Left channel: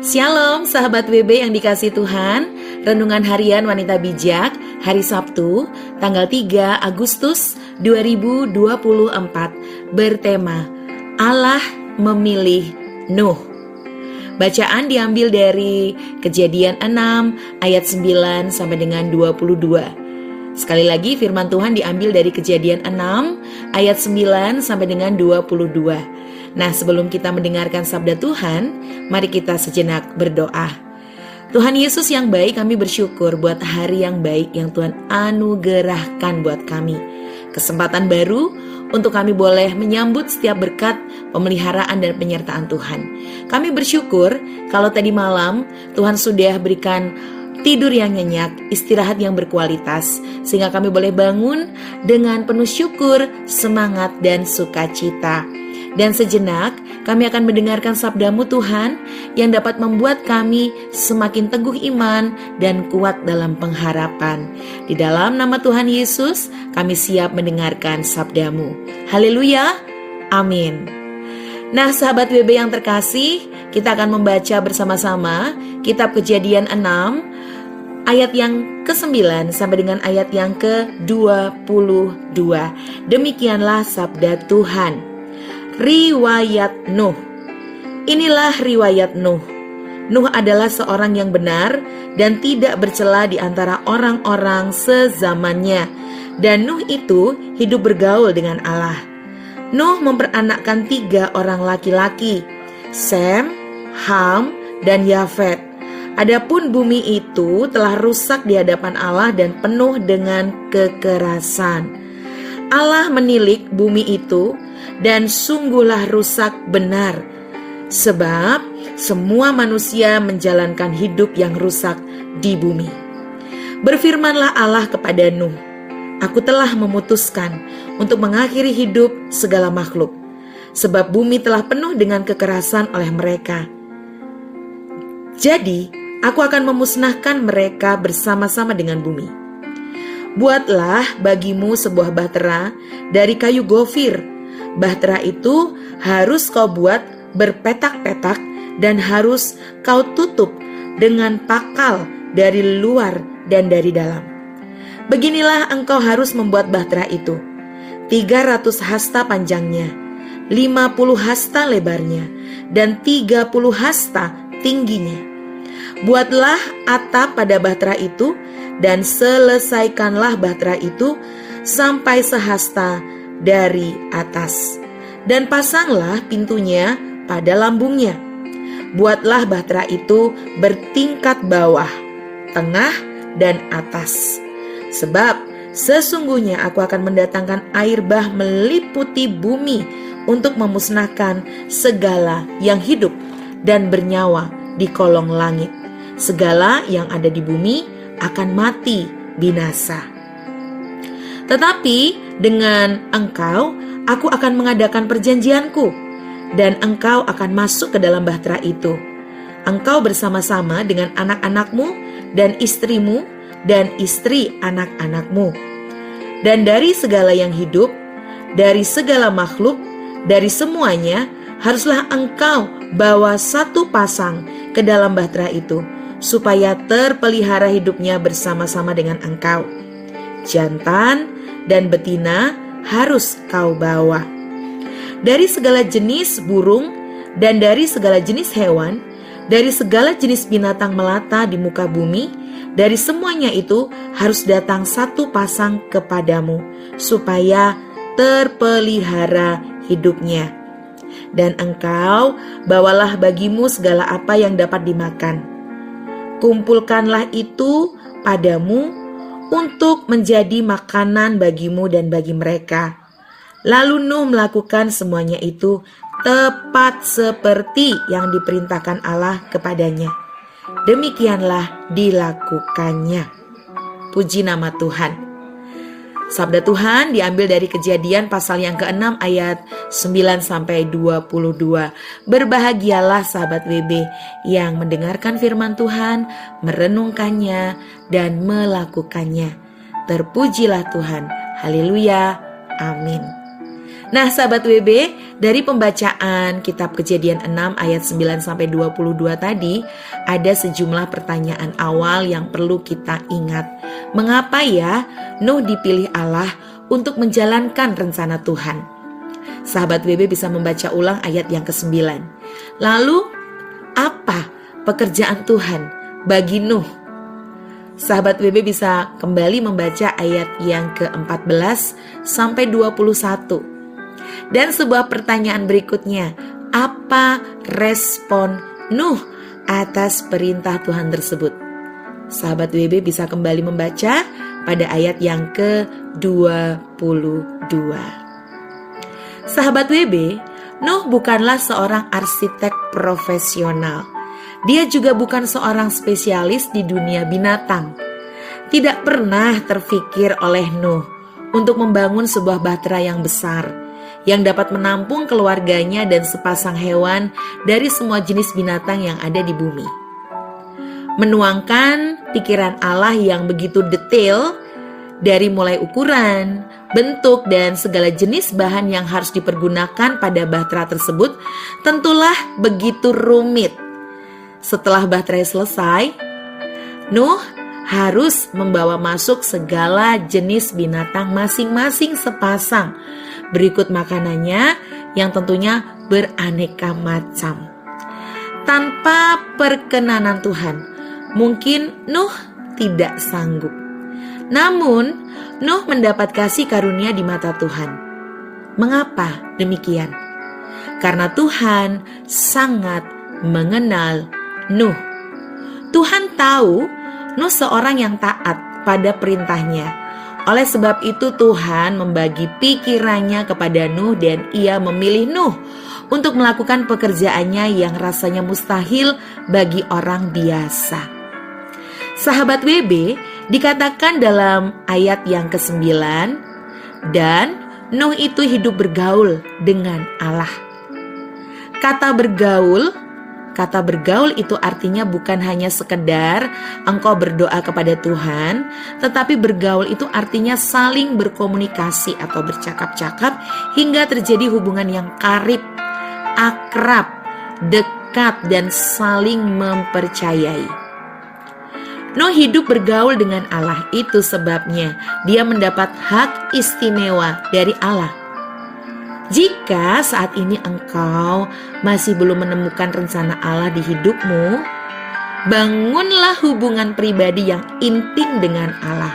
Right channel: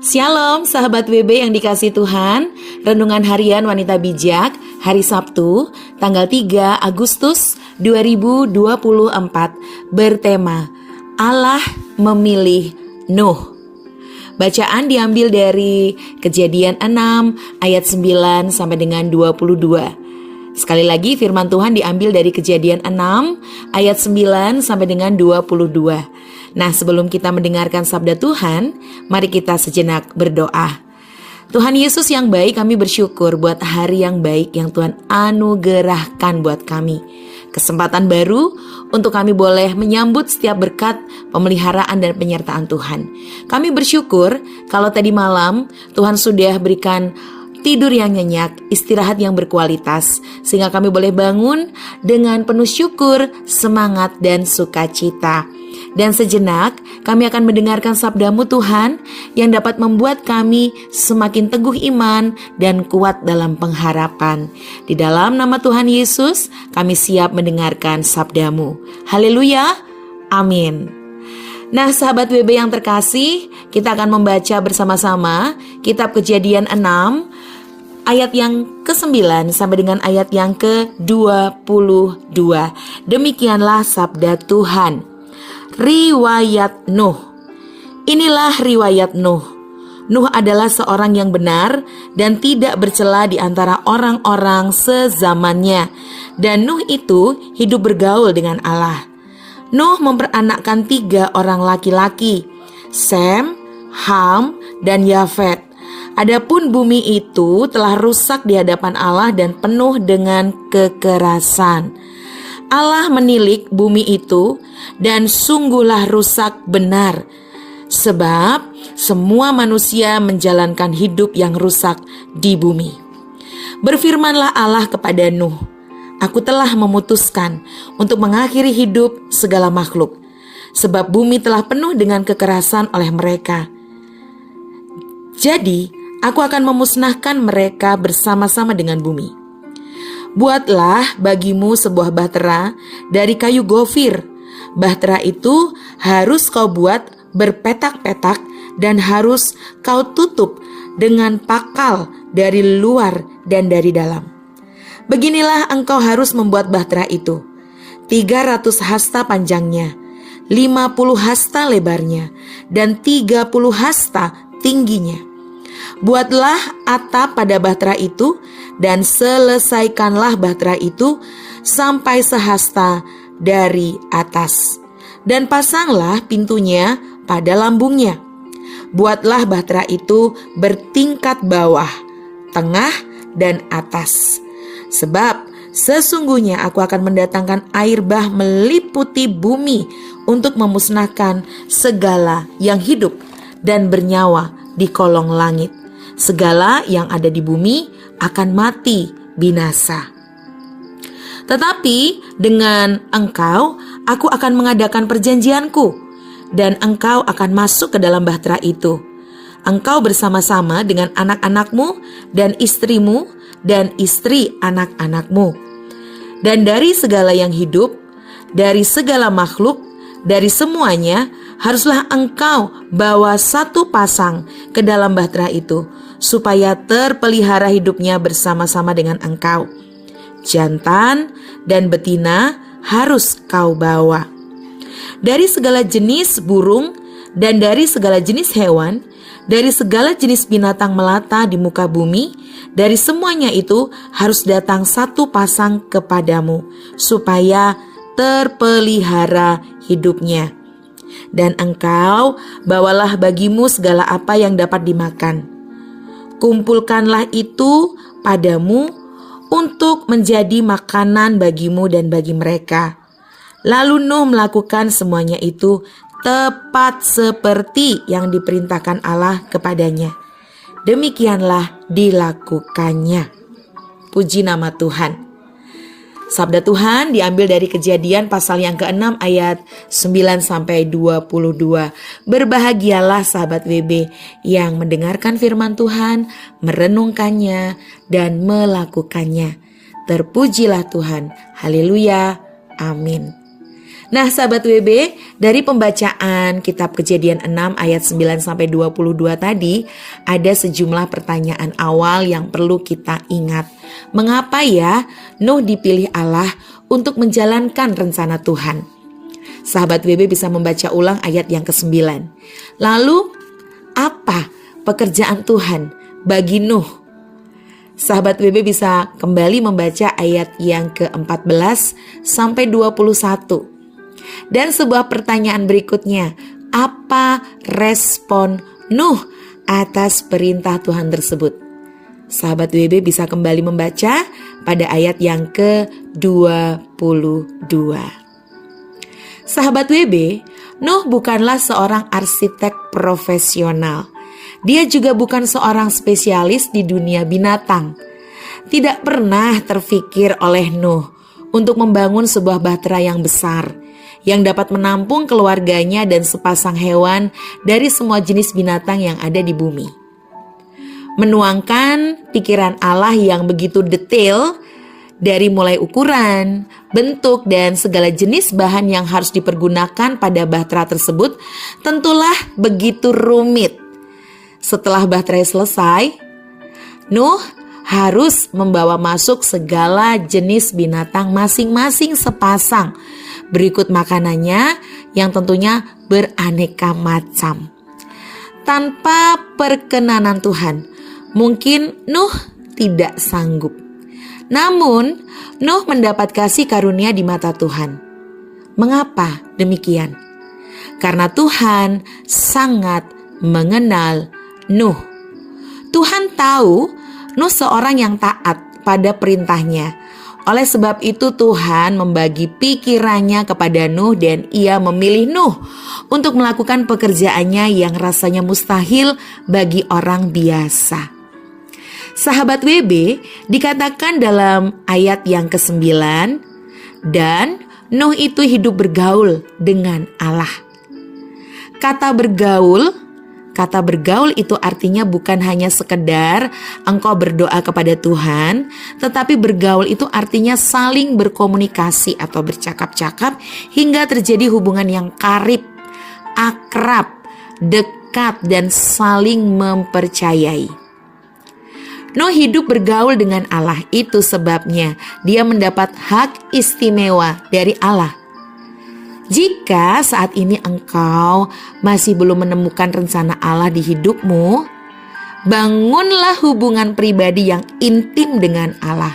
Shalom sahabat WB yang dikasihi Tuhan. Renungan Harian Wanita Bijak hari Sabtu tanggal 3 Agustus 2024 bertema Allah memilih Nuh. Bacaan diambil dari Kejadian 6 ayat 9 sampai dengan 22. Sekali lagi firman Tuhan diambil dari Kejadian 6 ayat 9 sampai dengan 22. Nah, sebelum kita mendengarkan sabda Tuhan, mari kita sejenak berdoa. Tuhan Yesus yang baik, kami bersyukur buat hari yang baik yang Tuhan anugerahkan buat kami. Kesempatan baru untuk kami boleh menyambut setiap berkat, pemeliharaan dan penyertaan Tuhan. Kami bersyukur kalau tadi malam Tuhan sudah berikan tidur yang nyenyak, istirahat yang berkualitas, sehingga kami boleh bangun dengan penuh syukur, semangat dan sukacita. Dan sejenak kami akan mendengarkan sabda-Mu Tuhan yang dapat membuat kami semakin teguh iman dan kuat dalam pengharapan. Di dalam nama Tuhan Yesus kami siap mendengarkan sabda-Mu. Haleluya, amin. Nah sahabat WB yang terkasih, kita akan membaca bersama-sama kitab Kejadian 6 ayat yang ke-9 sampai dengan ayat yang ke-22. Demikianlah sabda Tuhan. Riwayat Nuh. Inilah riwayat Nuh. Nuh adalah seorang yang benar dan tidak bercela di antara orang-orang sezamannya. Dan Nuh itu hidup bergaul dengan Allah. Nuh memperanakkan 3 orang laki-laki, Sem, Ham, dan Yafet. Adapun bumi itu telah rusak di hadapan Allah dan penuh dengan kekerasan. Allah menilik bumi itu dan sungguhlah rusak benar, sebab semua manusia menjalankan hidup yang rusak di bumi. Berfirmanlah Allah kepada Nuh, Aku telah memutuskan untuk mengakhiri hidup segala makhluk, sebab bumi telah penuh dengan kekerasan oleh mereka. Jadi, aku akan memusnahkan mereka bersama-sama dengan bumi. Buatlah bagimu sebuah bahtera dari kayu gofir. Bahtera itu harus kau buat berpetak-petak dan harus kau tutup dengan pakal dari luar dan dari dalam. Beginilah engkau harus membuat bahtera itu. 300 hasta panjangnya, 50 hasta lebarnya, dan 30 hasta tingginya. Buatlah atap pada bahtera itu dan selesaikanlah bahtera itu sampai sehasta dari atas. Dan pasanglah pintunya pada lambungnya. Buatlah bahtera itu bertingkat bawah, tengah, dan atas. Sebab sesungguhnya aku akan mendatangkan air bah meliputi bumi untuk memusnahkan segala yang hidup dan bernyawa di kolong langit. Segala yang ada di bumi akan mati binasa. Tetapi dengan engkau, aku akan mengadakan perjanjianku, dan engkau akan masuk ke dalam bahtera itu. Engkau bersama-sama dengan anak-anakmu dan istrimu dan istri anak-anakmu. Dan dari segala yang hidup, dari segala makhluk, dari semuanya, haruslah engkau bawa 1 pasang ke dalam bahtera itu, supaya terpelihara hidupnya bersama-sama dengan engkau. Jantan dan betina harus kau bawa. Dari segala jenis burung dan dari segala jenis hewan, dari segala jenis binatang melata di muka bumi, dari semuanya itu harus datang 1 pasang kepadamu, supaya terpelihara hidupnya. Dan engkau bawalah bagimu segala apa yang dapat dimakan. Kumpulkanlah itu padamu untuk menjadi makanan bagimu dan bagi mereka. Lalu Nuh melakukan semuanya itu tepat seperti yang diperintahkan Allah kepadanya. Demikianlah dilakukannya. Puji nama Tuhan. Sabda Tuhan diambil dari Kejadian pasal yang ke-6 ayat 9 sampai 22. Berbahagialah sahabat WB yang mendengarkan firman Tuhan, merenungkannya dan melakukannya. Terpujilah Tuhan. Haleluya. Amin. Nah sahabat WB, dari pembacaan kitab Kejadian 6 ayat 9-22 tadi, ada sejumlah pertanyaan awal yang perlu kita ingat. Mengapa ya Nuh dipilih Allah untuk menjalankan rencana Tuhan? Sahabat WB bisa membaca ulang ayat yang ke-9. Lalu, apa pekerjaan Tuhan bagi Nuh? Sahabat WB bisa kembali membaca ayat yang ke-14 sampai 21. Dan sebuah pertanyaan berikutnya, apa respon Nuh atas perintah Tuhan tersebut? Sahabat WB bisa kembali membaca pada ayat yang ke-22. Sahabat WB, Nuh bukanlah seorang arsitek profesional. Dia juga bukan seorang spesialis di dunia binatang. Tidak pernah terfikir oleh Nuh untuk membangun sebuah bahtera yang besar yang dapat menampung keluarganya dan sepasang hewan dari semua jenis binatang yang ada di bumi. Menuangkan pikiran Allah yang begitu detail dari mulai ukuran, bentuk, dan segala jenis bahan yang harus dipergunakan pada bahtera tersebut tentulah begitu rumit. Setelah bahtera selesai, Nuh harus membawa masuk segala jenis binatang masing-masing sepasang. Berikut makanannya yang tentunya beraneka macam. Tanpa perkenanan Tuhan, mungkin Nuh tidak sanggup. Namun, Nuh mendapat kasih karunia di mata Tuhan. Mengapa demikian? Karena Tuhan sangat mengenal Nuh. Tuhan tahu Nuh seorang yang taat pada perintahnya. Oleh sebab itu Tuhan membagi pikirannya kepada Nuh dan ia memilih Nuh untuk melakukan pekerjaannya yang rasanya mustahil bagi orang biasa. Sahabat WB, dikatakan dalam ayat yang ke-9, dan Nuh itu hidup bergaul dengan Allah. Kata bergaul itu artinya bukan hanya sekedar engkau berdoa kepada Tuhan, tetapi bergaul itu artinya saling berkomunikasi atau bercakap-cakap hingga terjadi hubungan yang karib, akrab, dekat, dan saling mempercayai. Nuh hidup bergaul dengan Allah, itu sebabnya dia mendapat hak istimewa dari Allah. Jika saat ini engkau masih belum menemukan rencana Allah di hidupmu, bangunlah hubungan pribadi yang intim dengan Allah.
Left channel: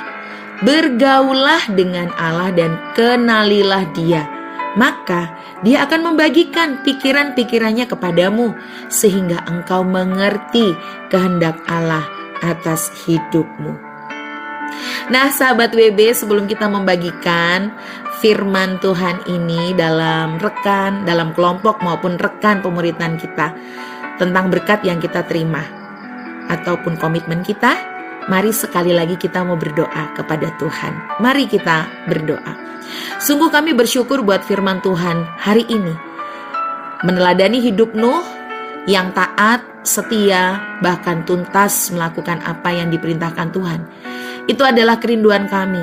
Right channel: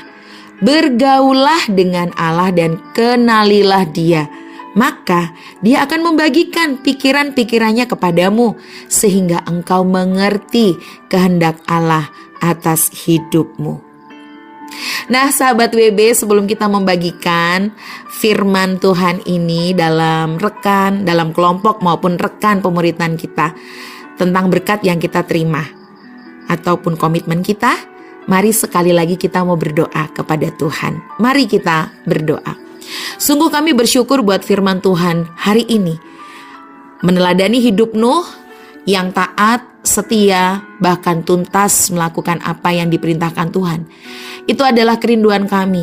Bergaullah dengan Allah dan kenalilah Dia. Maka Dia akan membagikan pikiran-pikirannya kepadamu sehingga engkau mengerti kehendak Allah atas hidupmu. Nah sahabat WB, sebelum kita membagikan firman Tuhan ini dalam kelompok maupun rekan pemuritan kita tentang berkat yang kita terima ataupun komitmen kita, mari sekali lagi kita mau berdoa kepada Tuhan. Mari kita berdoa. Sungguh kami bersyukur buat firman Tuhan hari ini, meneladani hidup Nuh yang taat, setia, bahkan tuntas melakukan apa yang diperintahkan Tuhan. Itu adalah kerinduan kami,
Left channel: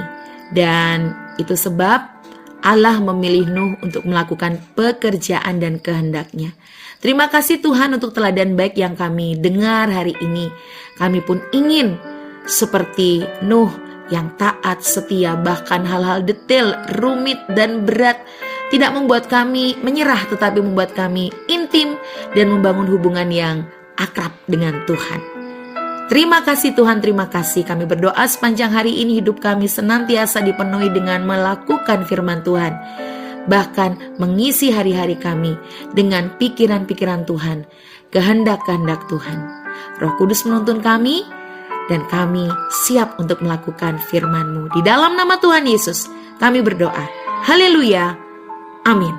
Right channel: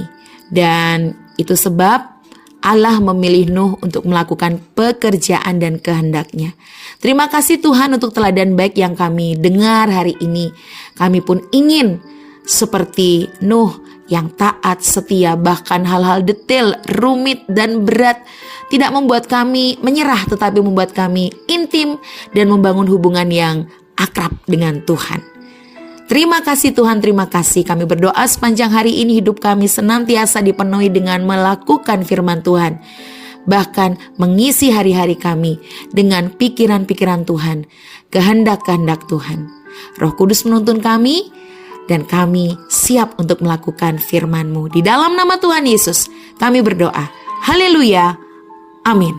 dan itu sebab Allah memilih Nuh untuk melakukan pekerjaan dan kehendaknya. Terima kasih Tuhan untuk teladan baik yang kami dengar hari ini. Kami pun ingin seperti Nuh yang taat, setia, bahkan hal-hal detail, rumit, dan berat tidak membuat kami menyerah, tetapi membuat kami intim dan membangun hubungan yang akrab dengan Tuhan. Terima kasih Tuhan, terima kasih. Kami berdoa sepanjang hari ini hidup kami senantiasa dipenuhi dengan melakukan firman Tuhan. Bahkan mengisi hari-hari kami dengan pikiran-pikiran Tuhan, kehendak-kehendak Tuhan. Roh Kudus menuntun kami dan kami siap untuk melakukan firman-Mu. Di dalam nama Tuhan Yesus kami berdoa. Haleluya. Amin.